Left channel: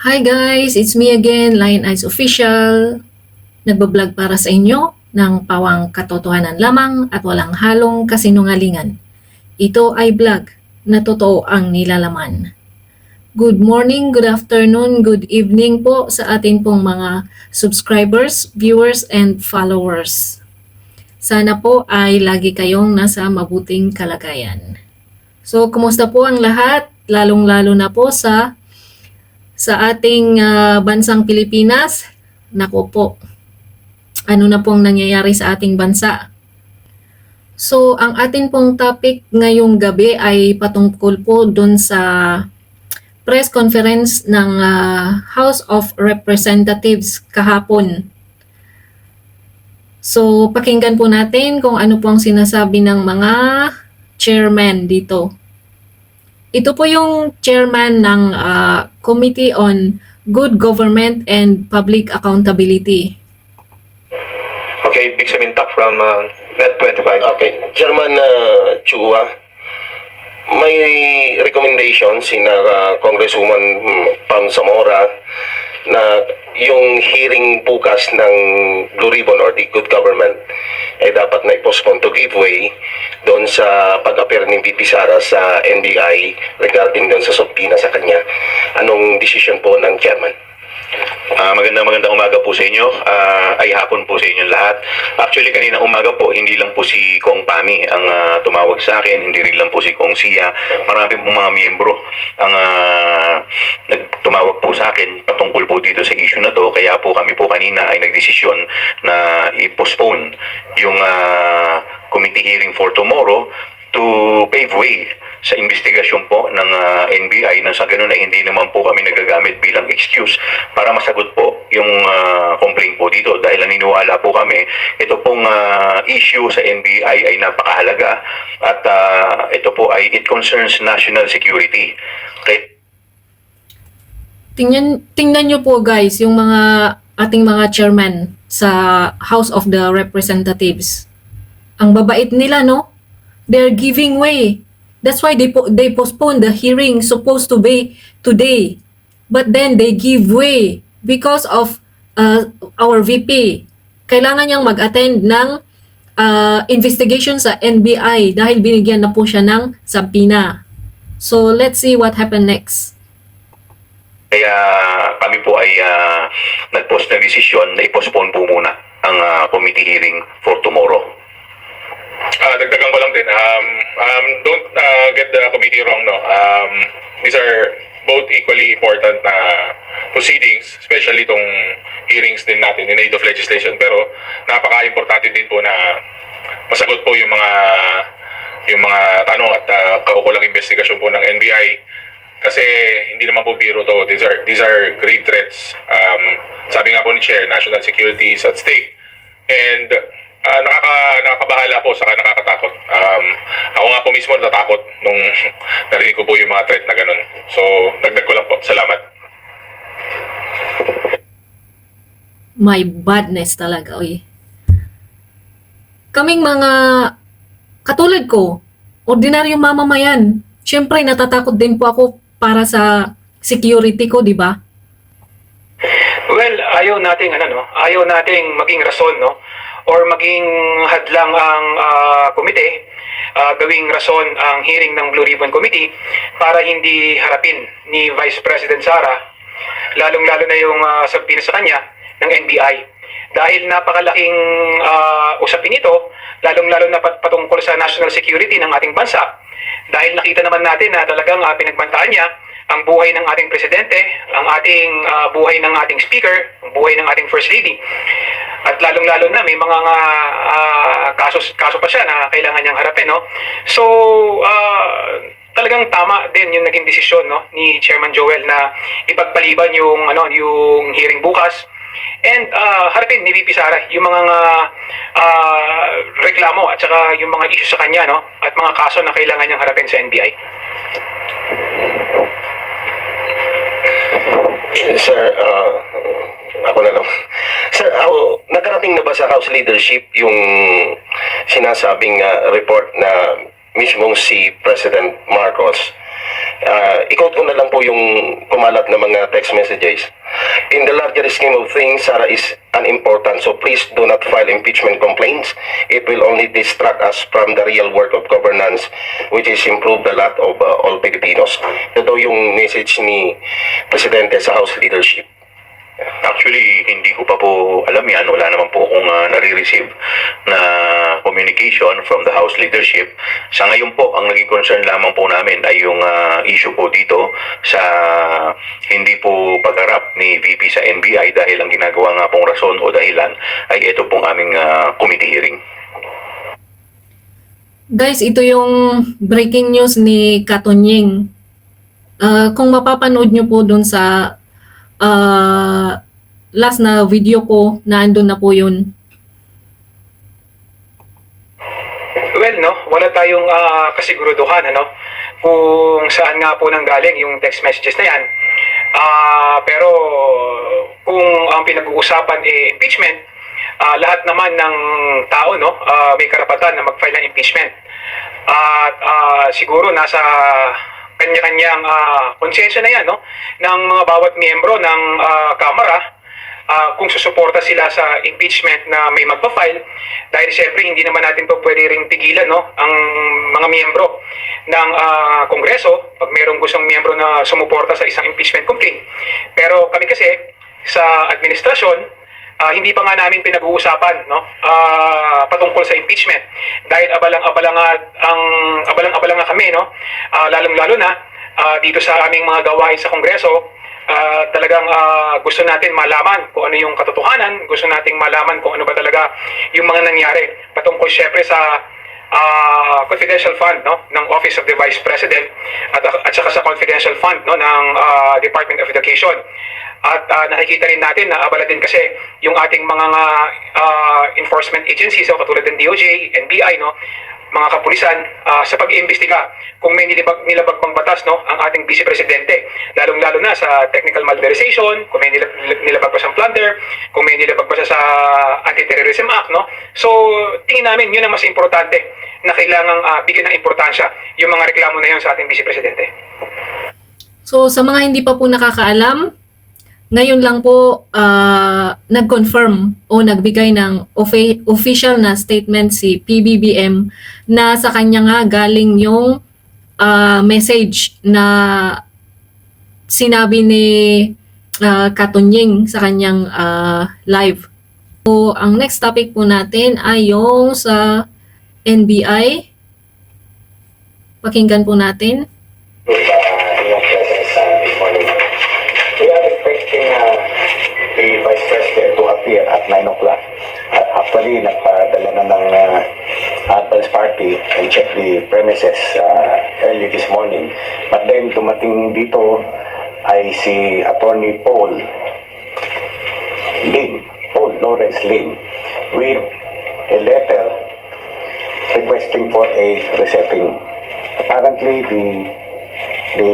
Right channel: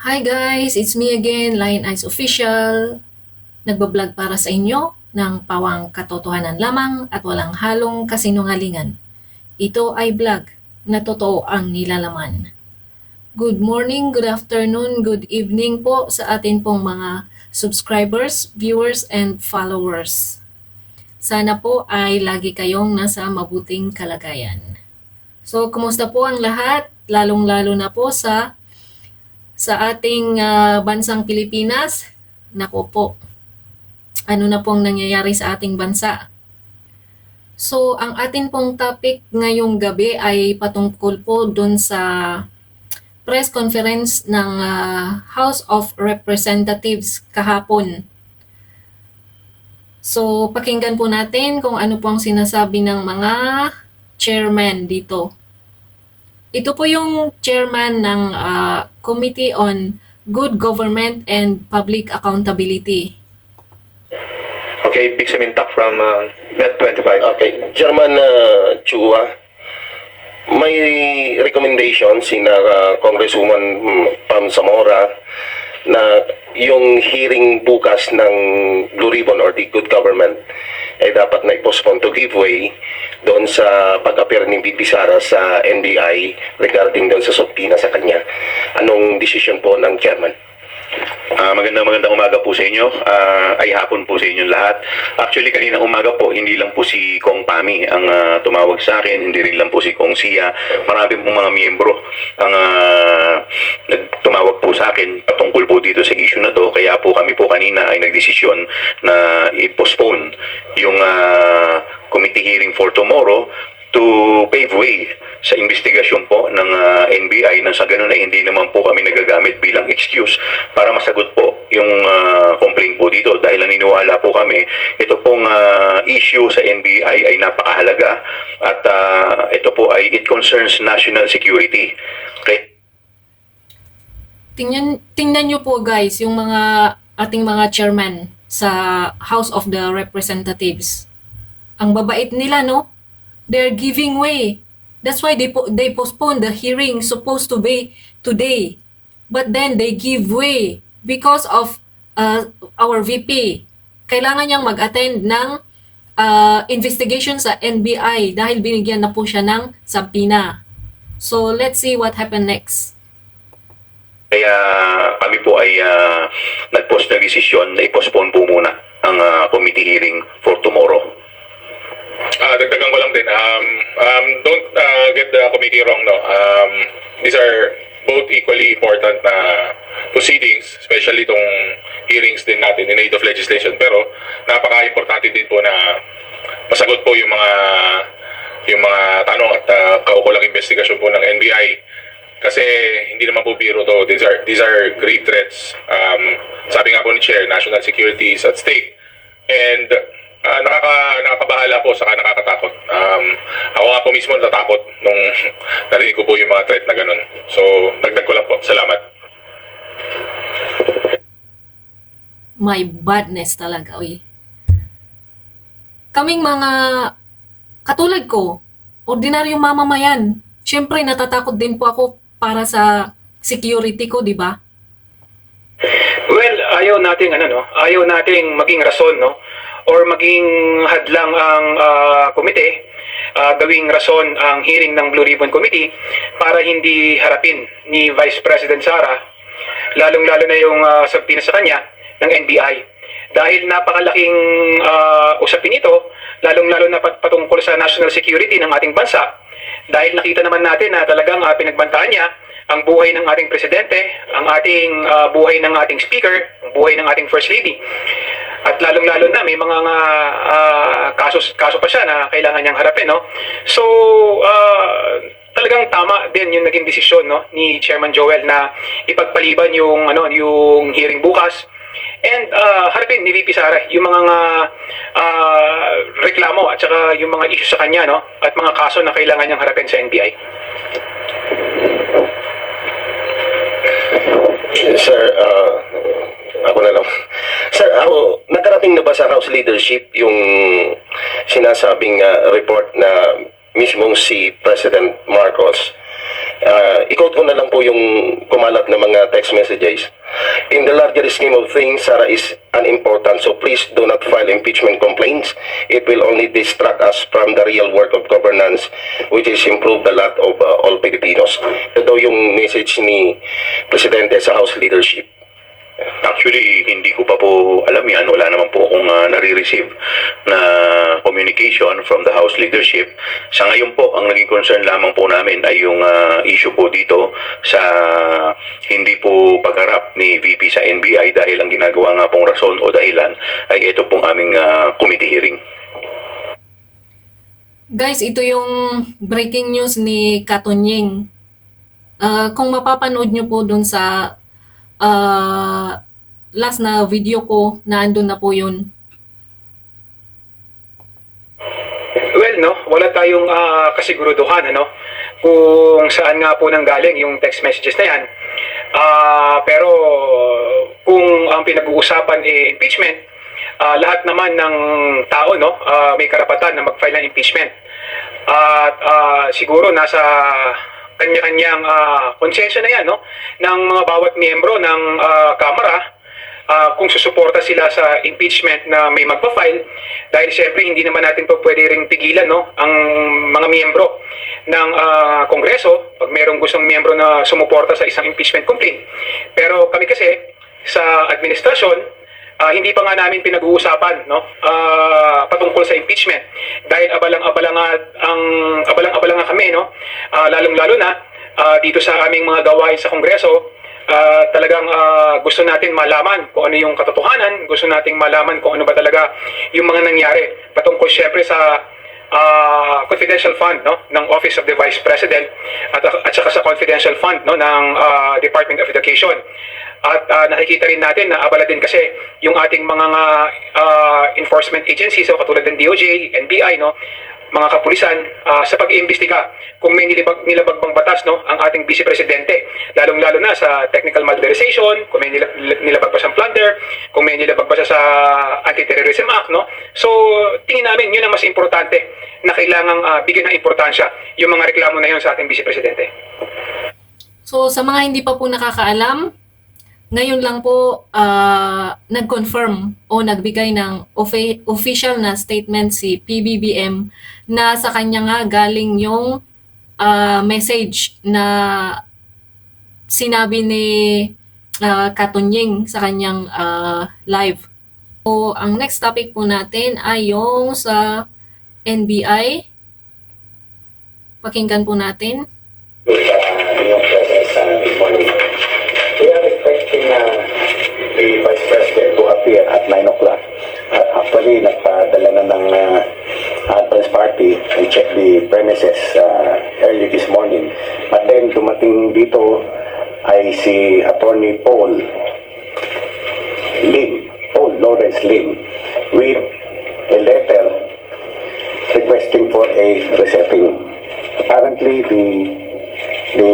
Hi guys, it's me again, Lion Eyes Official. Nagbablog para sa inyo ng pawang katotohanan lamang at walang halong kasinungalingan. Ito ay vlog na totoo ang nilalaman. Good morning, good afternoon, good evening po sa atin pong mga subscribers, viewers, and followers. Sana po ay lagi kayong nasa mabuting kalagayan. So, kumusta po ang lahat? Lalong-lalo na po sa ating bansang Pilipinas. Nako po, ano na pong nangyayari sa ating bansa. So, ang atin pong topic ngayong gabi ay patungkol po dun sa press conference ng House of Representatives kahapon. So, pakinggan po natin kung ano po ang sinasabi ng mga chairman dito. Ito po yung chairman ng Committee on Good Government and Public Accountability. Okay, Big Samintak from Net 25. Okay, Chairman Chua, may recommendation si Congresswoman Pam Zamora na yung hearing bukas ng Blue Ribbon or the Good Government ay dapat na i-postpone to give way doon sa pag-appear ni VP Sara sa NBI regarding doon sa subpoena sa kanya. Anong decision po ng Chairman? Magandang umaga po sa inyo. Ay hapon po sa inyong lahat. Actually, kanina umaga po, hindi lang po si Kong Pami ang tumawag sa akin, hindi rin lang po si Kong Sia. Marami pong mga miyembro ang nagtumawag po sa akin patungkol po dito sa issue na to. Kaya po kami po kanina ay nagdesisyon na i-postpone yung committee hearing for tomorrow to pave way sa investigasyon po ng NBI nang sa ganun ay hindi naman po kami nagagamit bilang excuse para masagot po yung complaint po dito dahil naniniwala po kami ito pong issue sa NBI ay napakahalaga at ito po ay it concerns national security. Okay? Tingnan nyo po guys yung mga ating mga chairman sa House of the Representatives. Ang babait nila, no? They're giving way. That's why they postponed the hearing supposed to be today. But then they give way because of our VP. Kailangan niyang mag-attend ng investigation sa NBI dahil binigyan na po siya ng subpoena. So let's see what happened next. Kaya kami po ay nag-post na desisyon na i-postpone po muna ang committee hearing for tomorrow. Dagdagan ko lang din, don't get the committee wrong, no. These are both equally important na proceedings, especially itong hearings din natin in aid of legislation. Pero napaka-importante din po na masagot po yung mga tanong at kaukulang investigasyon po ng NBI. Kasi hindi naman po biro to. These are grave threats. Sabi nga po ni Chair, national security is at stake. And nakakabahala po saka nakakatakot. Ako nga po mismo natatakot nung narinig ko po yung mga threat na ganun. So, dagdag ko lang po. Salamat. My badness talaga, oy. Kaming mga katulad ko, ordinaryong mamamayan, syempre natatakot din po ako para sa security ko, di ba? Well, ayaw nating maging rason, no? Or maging hadlang ang komite, gawing rason ang hearing ng Blue Ribbon Committee para hindi harapin ni Vice President Sara, lalong-lalo na yung subpoena sa kanya ng NBI. Dahil napakalaking usapin ito, lalong-lalo na patungkol sa national security ng ating bansa. Dahil nakita naman natin na talagang pinagbantaan niya ang buhay ng ating presidente, ang ating buhay ng ating speaker, ang buhay ng ating first lady. At lalong-lalo na may mga kaso pa siya na kailangan niyang harapin, no? So, talagang tama din yung naging desisyon, no, ni Chairman Joel na ipagpaliban yung hearing bukas. And harapin ni VP Sara yung mga reklamo at saka yung mga issue sa kanya, no, at mga kaso na kailangan niyang harapin sa NBI. Sir, ako na lang. Sir, nakarating na ba sa House leadership yung sinasabing report na mismong si President Marcos I-quote ko na lang po yung kumalat na mga text messages. In the larger scheme of things, Sara is unimportant, so please do not file impeachment complaints. It will only distract us from the real work of governance, which is improve the lot of all Filipinos. Ito daw yung message ni Presidente sa House leadership. Actually, hindi ko pa po alam yan. Wala naman po akong nare-receive na communication from the House leadership. Sa ngayon po, ang naging concern lamang po namin ay yung issue po dito sa hindi po pagharap ni VP sa NBI dahil ang ginagawa nga pong rason o dahilan ay ito pong aming committee hearing. Guys, ito yung breaking news ni Katonying. Kung mapapanood nyo po dun sa last na video ko, na andun na po yun. Well, no, wala tayong kasiguruduhan, ano, kung saan nga po nanggaling yung text messages na yan. Pero kung ang pinag-uusapan ay impeachment, lahat naman ng tao, no, may karapatan na mag-file ng impeachment. At siguro nasa kanya-kanyang konsensya na yan, no, ng mga bawat miyembro ng Kamara, kung susuporta sila sa impeachment na may magpa-file, dahil siyempre hindi naman natin po pwede ring pigilan, no, ang mga miyembro ng Kongreso pag mayroong gustong miyembro na sumuporta sa isang impeachment complaint. Pero kami kasi sa administrasyon, hindi pa nga namin pinag-uusapan, no, patungkol sa impeachment dahil abalang-abala nga kami, no, lalong-lalo na dito sa aming mga gawain sa Kongreso. Talagang gusto natin malaman kung ano yung katotohanan, gusto nating malaman kung ano ba talaga yung mga nangyari patungkol syempre sa confidential fund, no, ng Office of the Vice President at saka sa confidential fund, no, ng Department of Education. At nakikita rin natin na abala din kasi yung ating mga enforcement agencies, so katulad ng DOJ, NBI, no, mga kapulisan, sa pag-iimbestiga kung may nilabag bang batas, no, ang ating Vice Presidente, lalong-lalo na sa technical malversation, kung may nilabag ba siyang plunder, kung may nilabag ba siya sa Anti-Terrorism Act, no. So tingin namin yun ang mas importante na kailangang bigyan ng importansya yung mga reklamo na yun sa ating Vice Presidente. So sa mga hindi pa po nakakaalam, ngayon lang po nag-confirm o nagbigay ng official na statement si PBBM na sa kanya nga galing yung message na sinabi ni Katonying sa kanyang live. So ang next topic po natin ay yung sa NBI. Pakinggan po natin. The Vice President to appear at 9 o'clock. Actually, nagpadala na ng advance party and check the premises early this morning. But then, dumating dito ay si Attorney Paul Lawrence Lim, with a letter requesting for a resetting. Apparently, the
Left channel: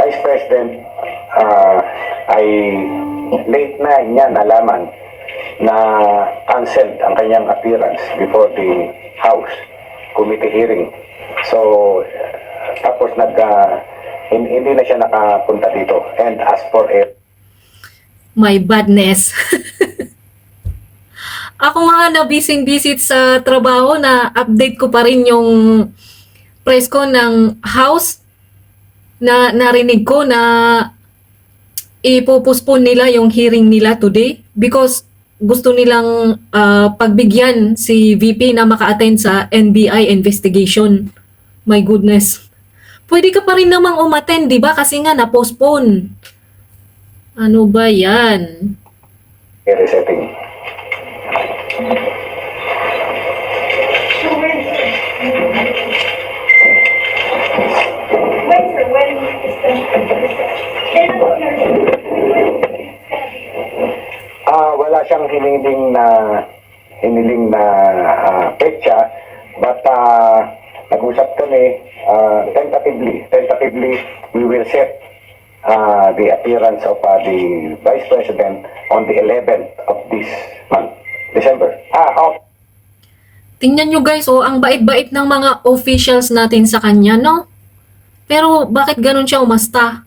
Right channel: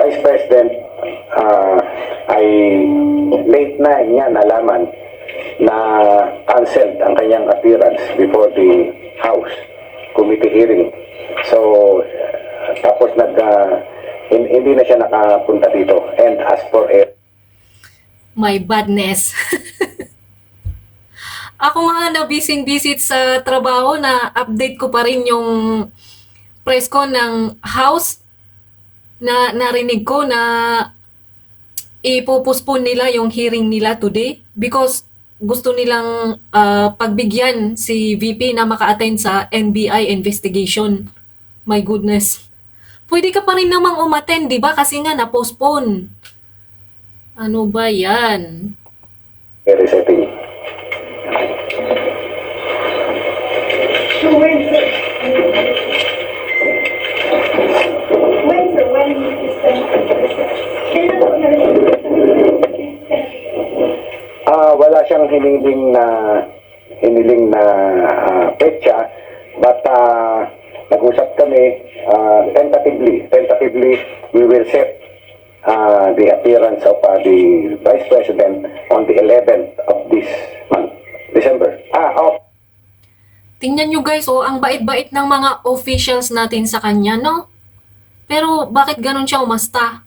Vice President ay late na niya nalaman na canceled ang kanyang appearance before the House committee hearing. So, tapos hindi na siya nakapunta dito and asked for a... My badness. Ako nga na busy-busy sa trabaho na update ko pa rin yung press ko ng House na narinig ko na ipopospone nila yung hearing nila today because gusto nilang pagbigyan si VP na maka-attend sa NBI investigation. My goodness. Pwede ka pa rin namang umattend, di ba? Kasi nga na-postpone. Ano ba yan? resetting. Wala siyang hiniling na petsa, but nag-usap kami tentatively we will set the appearance of the Vice President on the 11th of this month, December. Tingnan nyo guys, ang bait-bait ng mga officials natin sa kanya, no? Pero bakit ganun siya umasta?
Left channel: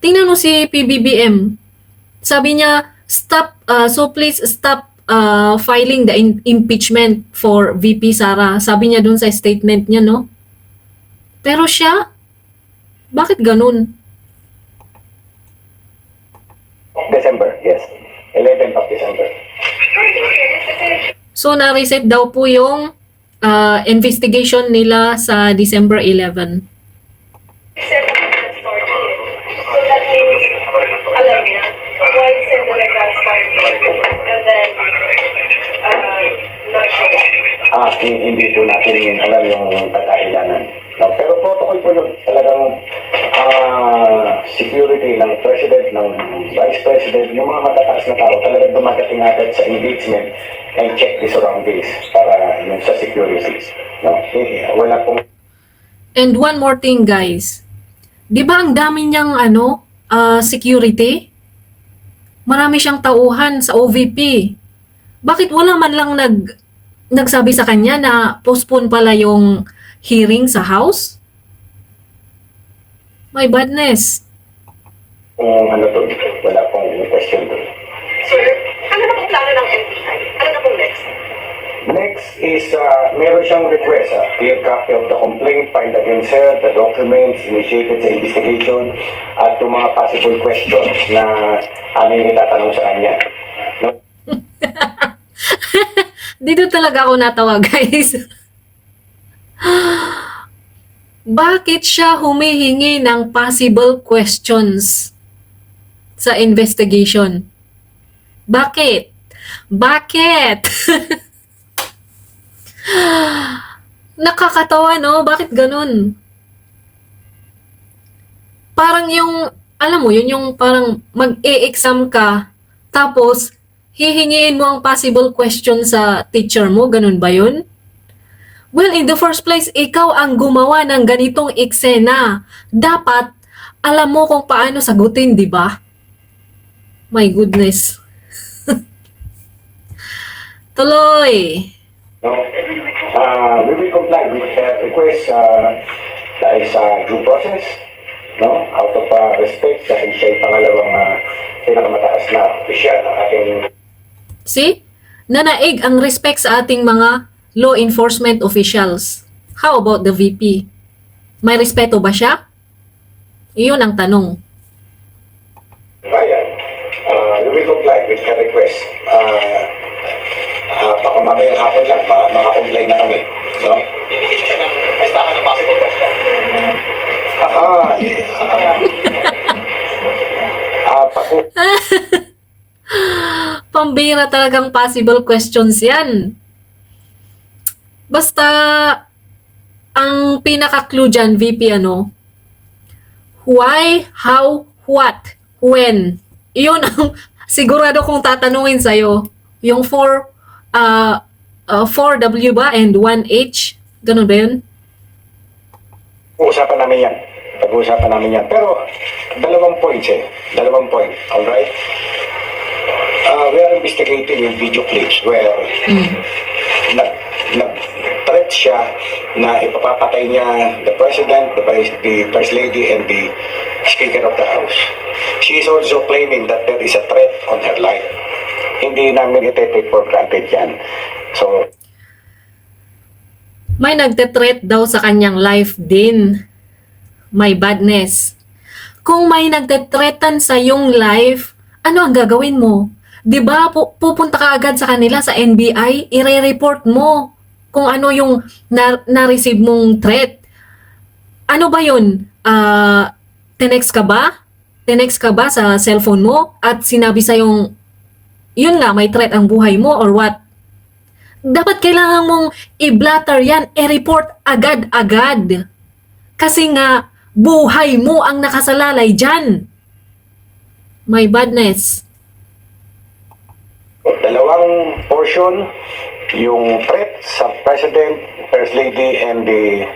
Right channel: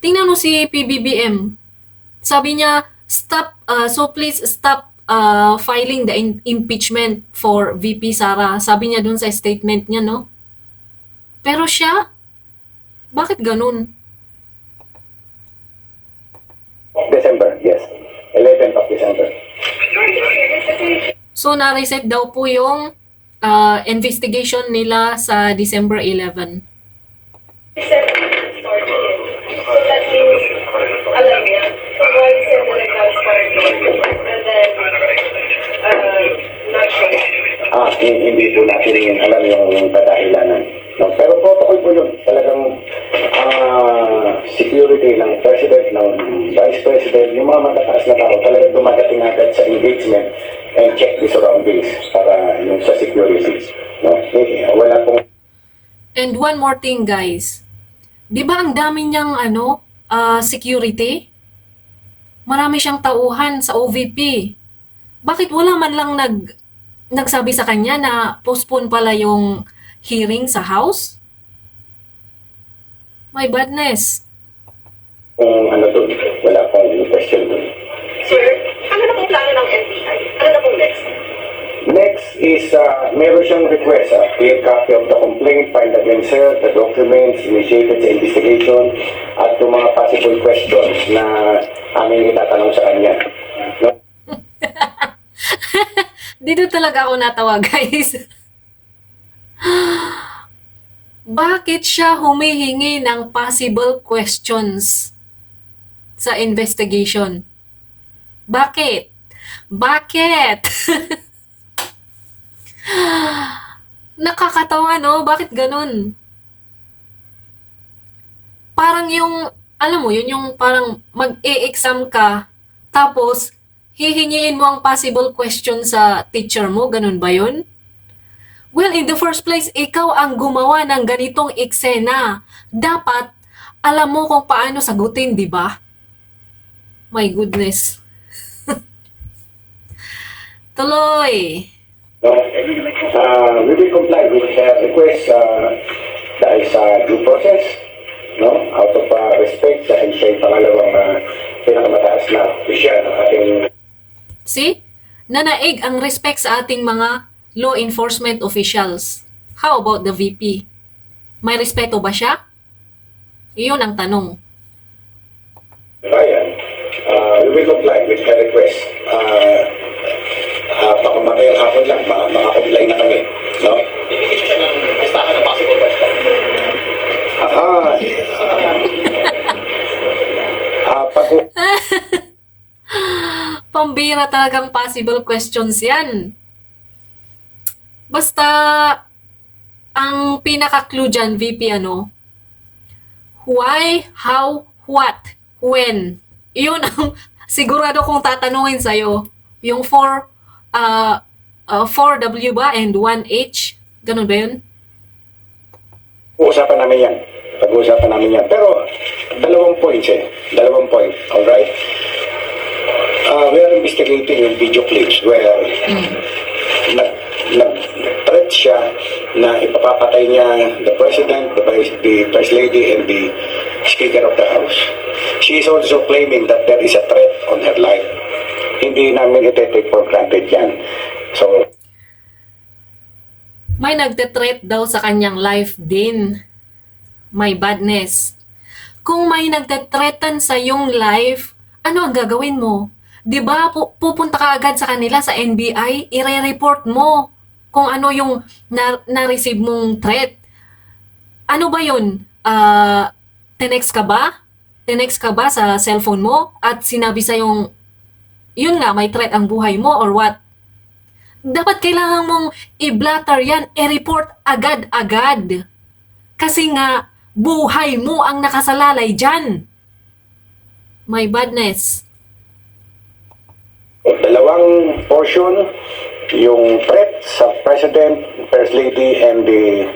Tingnan mo si PBBM. Sabi niya, so please stop filing the impeachment for VP Sara. Sabi niya dun sa statement niya, no? Pero siya, bakit ganun? December, yes. 11th of December. So, na-reset daw po yung investigation nila sa December 11. Hindi po natin alam yung padahilanan. No? Pero protocol po yun. Talagang security ng president, ng vice president, yung mga matataas na tao, talagang dumadating agad sa engagement and check the surroundings para yung sa security. No? Wala pong And one more thing, guys. Di ba ang dami niyang security? Marami siyang tauhan sa OVP. Bakit wala man lang nagsabi sa kanya na postpone pala yung hearing sa House? My badness. doon. Wala pong question doon. Sir, ano na pong plano ng NBI? Ano na pong next? Next is, meron siyang request, clear copy of the complaint filed against her, the documents initiated sa investigation, at yung mga possible questions na aming itatanong sa kanya. No? Dito talaga ako natawa, guys. Bakit siya humihingi ng possible questions sa investigation? Bakit? Bakit? Nakakatawa, no? Bakit ganun? Parang yung, alam mo, yun yung parang mag-e-exam ka, tapos hihingiin mo ang possible question sa teacher mo, ganun ba yun? Well, in the first place, ikaw ang gumawa ng ganitong eksena. Dapat, alam mo kung paano sagutin, di ba? My goodness. Tuloy. No? We will comply with the request dahil sa due process, no? Out of respect dahil siya yung pangalawang pinakamataas na opisyal ng ating See? Nanaig ang respect sa ating mga law enforcement officials. How about the VP? May respeto ba siya? Iyon ang tanong. bayan. We will comply with the request. Baka mamayang hapon lang, makakomply na kami. No? Pambira talagang possible questions yan. Basta, ang pinaka-clue dyan, VP, why, how, what, when. Iyon ang sigurado kong tatanungin sa'yo. Yung 4W ba and 1H? Ganun ba yun? Pag-uusapan namin yan. Pag-uusapan namin yan. Pero, dalawang points eh. Dalawang point. Alright? We are investigating yung video clips where nag-threat siya na ipapapatay niya the President, the First Lady, and the Speaker of the House. She is also claiming that there is a threat on her life. Hindi namin ite-take for granted yan. So, May nagte-threat daw sa kanyang life din. My badness. Kung may nagte-threaten sa iyong life, ano ang gagawin mo? 'Di ba pupunta ka agad sa kanila sa NBI, ire-report mo kung ano yung na-receive mong threat. Ano ba yun? Tinext ka ba? Tinext ka ba sa cellphone mo at sinabi sa yung yun nga, may threat ang buhay mo or what? Dapat kailangan mong i-blatter yan, i-report agad-agad. Kasi nga, buhay mo ang nakasalalay dyan. My badness. dalawang portion, yung threat sa President, First Lady, and the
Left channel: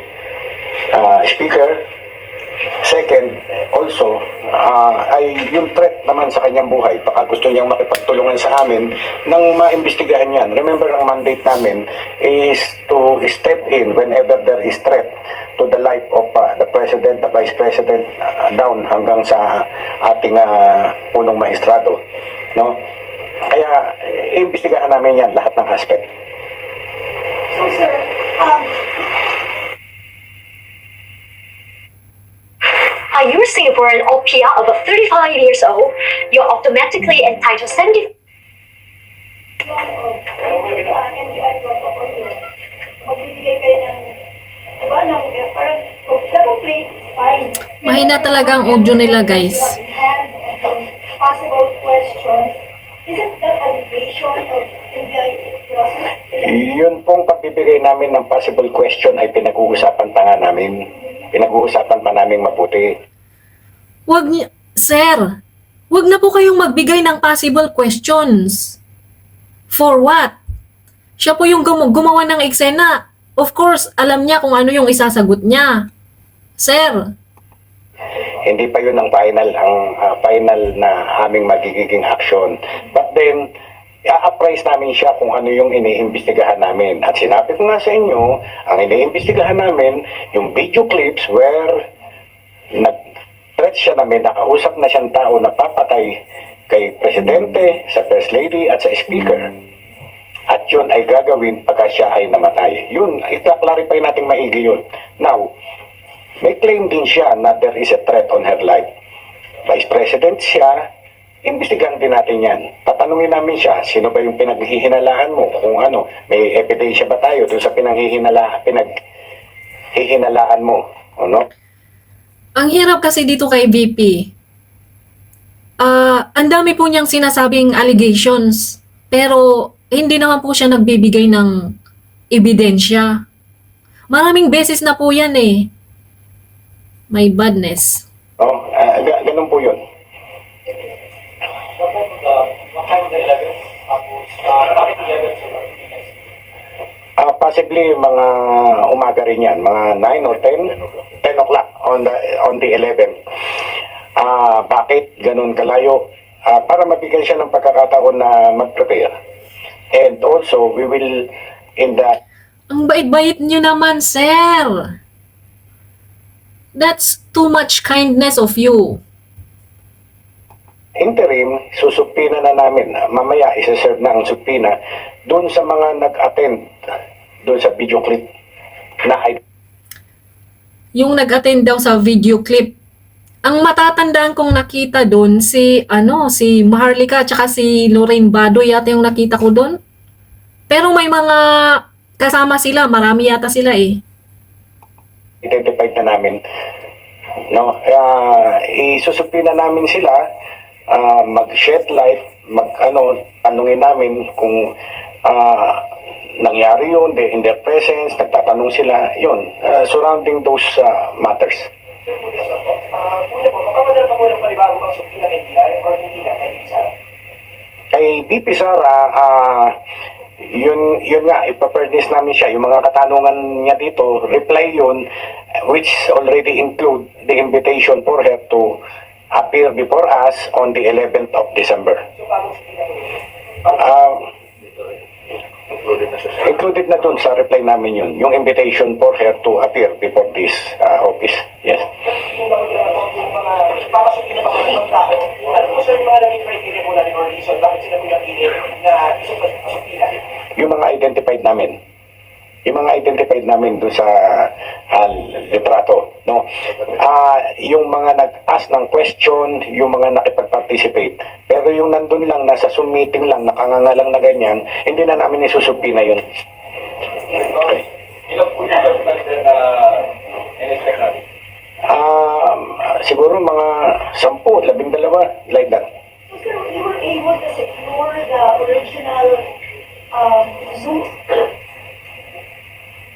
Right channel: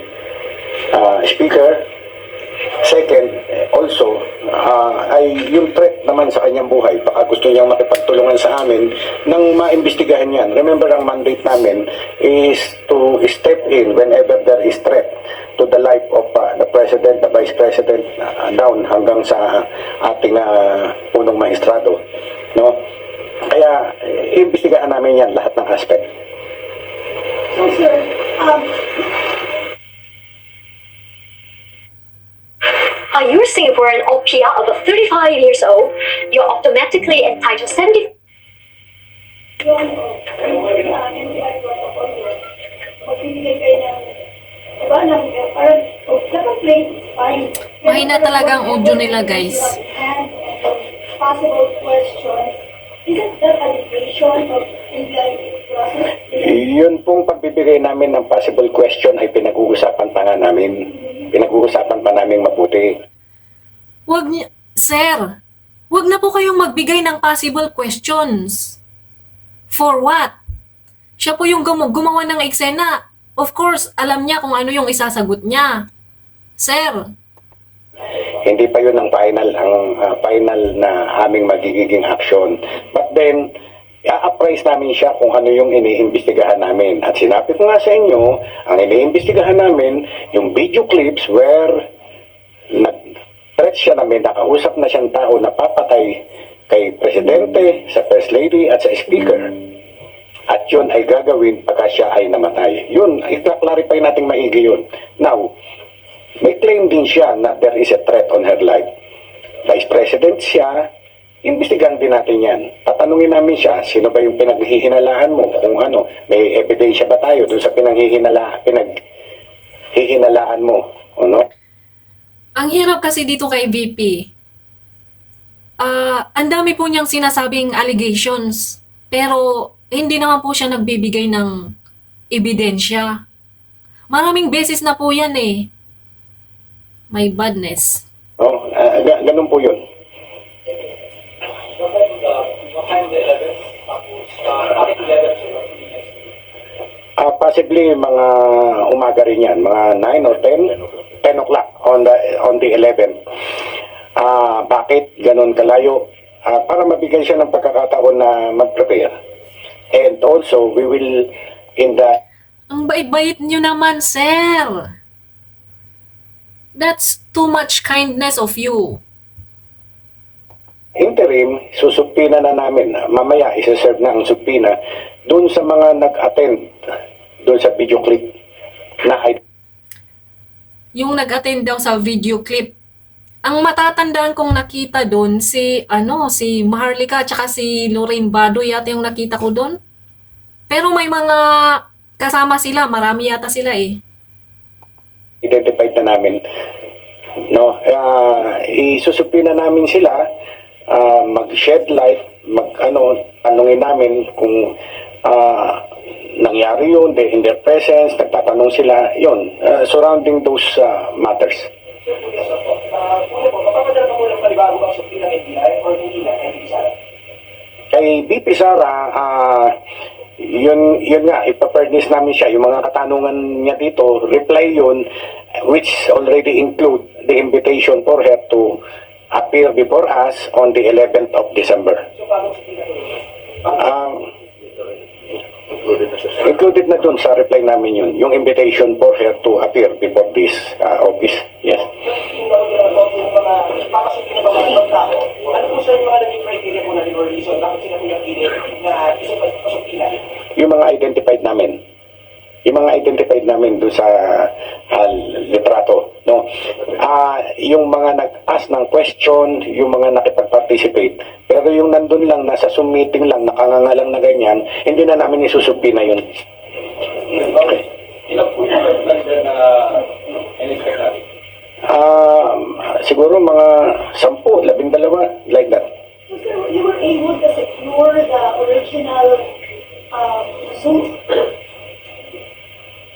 Speaker. Second, also, ay yung threat naman sa kanyang buhay. Baka gusto niyang makipagtulungan sa amin nang maimbestigahan yan. Remember, ang mandate namin is to step in whenever there is threat to the life of the President, the Vice President, down hanggang sa ating punong maestrado. No? Kaya, iimbestigahan namin yan, lahat ng aspect. So, sir, are you Singaporean or PR over 35 years old? You're automatically entitled 70. Mahina talaga ang audio nila, guys. Possible questions. Isn't that allegation of process? Yun pong pagbibigay namin ng possible question ay pinag-uusapan pa nga namin. Pinag-uusapan pa namin mabuti. Sir, wag na po kayong magbigay ng possible questions. For what? Siya po yung gumawa ng eksena. Of course, alam niya kung ano yung isasagot niya. Sir, Hindi pa yun ang final na aming magiging action. But then, i-appraise namin siya kung ano yung iniimbestigahan namin. At sinabi ko nga sa inyo, ang iniimbestigahan namin, yung video clips where nag-threat siya na may nakausap na siyang tao na papatay kay Presidente, sa First Lady at sa Speaker. At yun ay gagawin pagka siya ay namatay. Yun, i-clarify natin maigi yun. Now, may claim din siya na there is a threat on her life. Vice President siya, imbestigahan din natin yan. Tatanungin namin siya, sino ba yung pinaghihinalaan mo? Kung ano, may ebidensya ba tayo doon sa pinaghihinalaan mo? Ano? ang hirap kasi dito kay VP. Ang dami po niyang sinasabing allegations, pero hindi naman po siya nagbibigay ng ebidensya. Maraming beses na po yan eh. May badness. Oh, ganun po yun. Possibly mga umaga rin yan, mga 9 or 10 o'clock on the 11th. Bakit ganun kalayo? Para mabigyan siya ng pagkakataon na mag-prepare. And also, we will in the Ang bait-bait niyo naman, sir. That's too much kindness of you. interim, susupina na namin. Mamaya, isa-serve na ang supina doon sa mga nag-attend doon sa video clip na Yung nag-attend daw sa video clip. Ang matatandaan kong nakita doon si Maharlika at si Lorraine Badoy yata yung nakita ko doon. Pero may mga kasama sila, marami yata sila eh. identified na namin. No, isusupina namin sila, mag-shed light, tanungin namin kung nangyari yun, in their presence, nagtatanong sila, yun, surrounding those matters. Kay BP Sara, yun nga, ipapernis namin siya. Yung mga katanungan niya dito, reply yun, which already include the invitation for her to appear before us on the 11th of December. Included na dun sa reply namin yun, yung invitation for her to appear before this office. Yes. Yung mga identified namin. Yung mga identified namin doon sa litrato, no? Yung mga nag-ask ng question, yung mga nakipag-participate. Pero yung nandun lang, nasa Zoom meeting lang, nakanganga lang na ganyan, hindi na namin isusupina yun. Siguro mga 10, 12, like that. So, you were able to secure the original Zoom.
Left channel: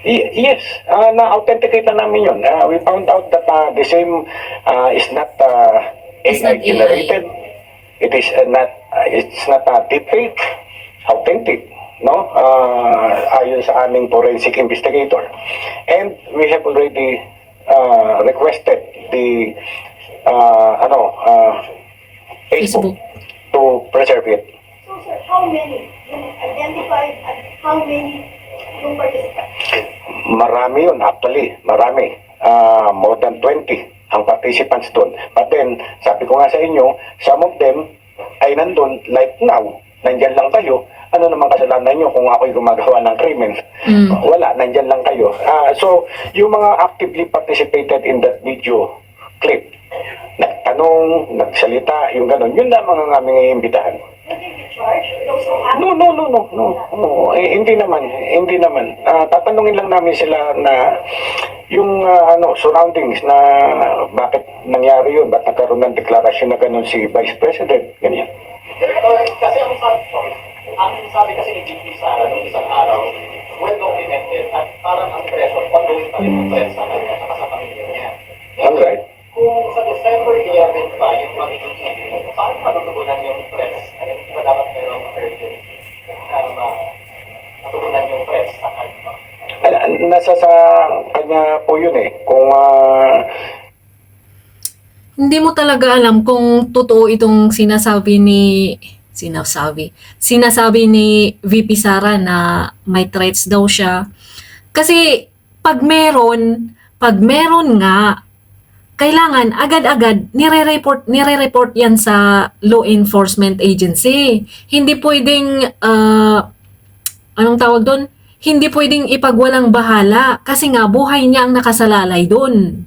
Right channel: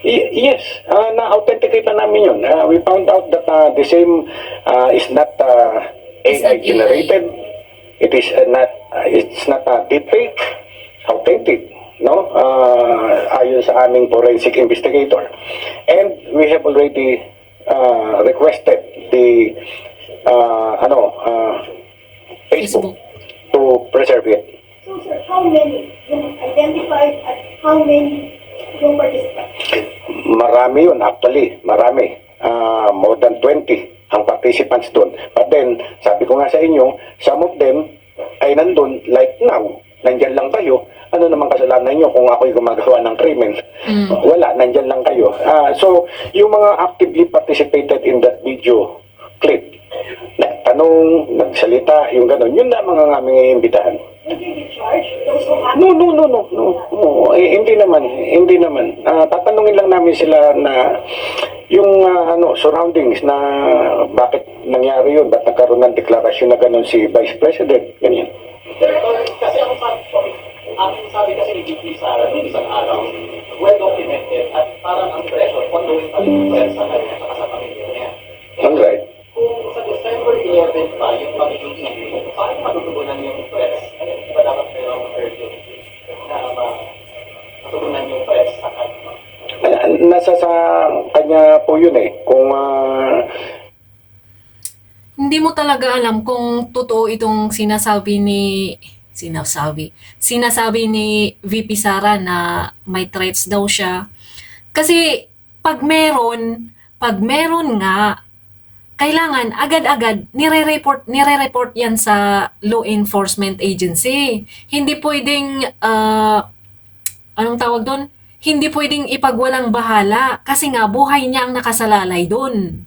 Yes, na-authenticate na namin yun. We found out that the same is not It's not AI generated. It's not deepfake, authentic, no? Ayon sa aming forensic investigator. And we have already requested the Facebook to preserve it. So, sir, how many? Yung identified at how many yung participants? Marami yun, actually. Marami. more than 20 ang participants doon. But then, sabi ko nga sa inyo, some of them ay nandun, like now, nandyan lang kayo. Ano naman kasalanan nyo kung ako'y gumagawa ng krimen? Wala, nandyan lang kayo. So, yung mga actively participated in that video clip, nagtanong, nagsalita, yung gano'n, yun lamang ang aming iimbitahan. No. Hindi naman. Tatanungin lang namin sila na yung surroundings na bakit nangyari yun, bakit nagkaroon ng deklarasyon na gano'n si Vice President, ganyan. Kasi ang sabi kasi ni VP Sara noong isang araw, well documented at parang ang pressure, ongoing pa rin ang press sa kanya at sa pamilya niya. Alright. Kung sa December 11 pa yung magiging issue, paano matutugunan yung press? Ano ba dapat meron ng urgency na matugunan yung press sa kanya? Nasa sa kanya po yun eh. Kung Hindi mo talaga alam kung totoo itong sinasabi ni VP Sara na may threats daw siya. Kasi pag meron nga, kailangan agad-agad nire-report yan sa law enforcement agency. Hindi pwedeng anong tawag doon? Hindi pwedeng ipagwalang bahala kasi nga buhay niya ang nakasalalay doon.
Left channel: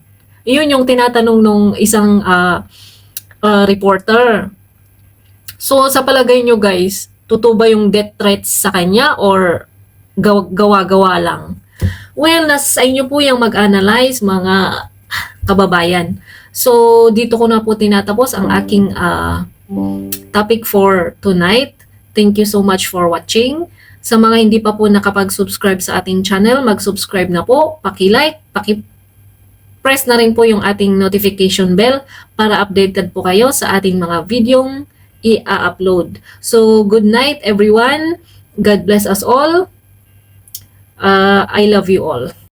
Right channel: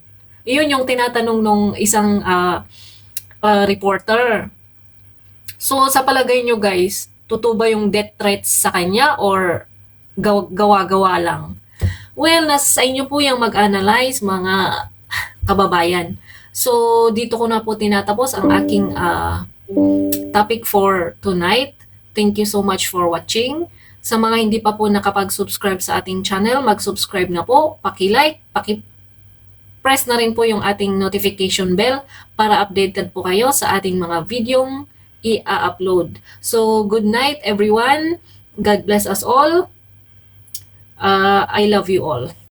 Iyon yung tinatanong nung isang reporter. So sa palagay nyo guys, totoo ba yung death threats sa kanya or gawa-gawa lang? Well, nasa inyo po yung mag-analyze mga kababayan. So dito ko na po tinatapos ang aking topic for tonight. Thank you so much for watching. Sa mga hindi pa po nakapag-subscribe sa ating channel, mag-subscribe na po, paki-like, press na rin po yung ating notification bell para updated po kayo sa ating mga videong i-upload. So, good night everyone. God bless us all. I love you all.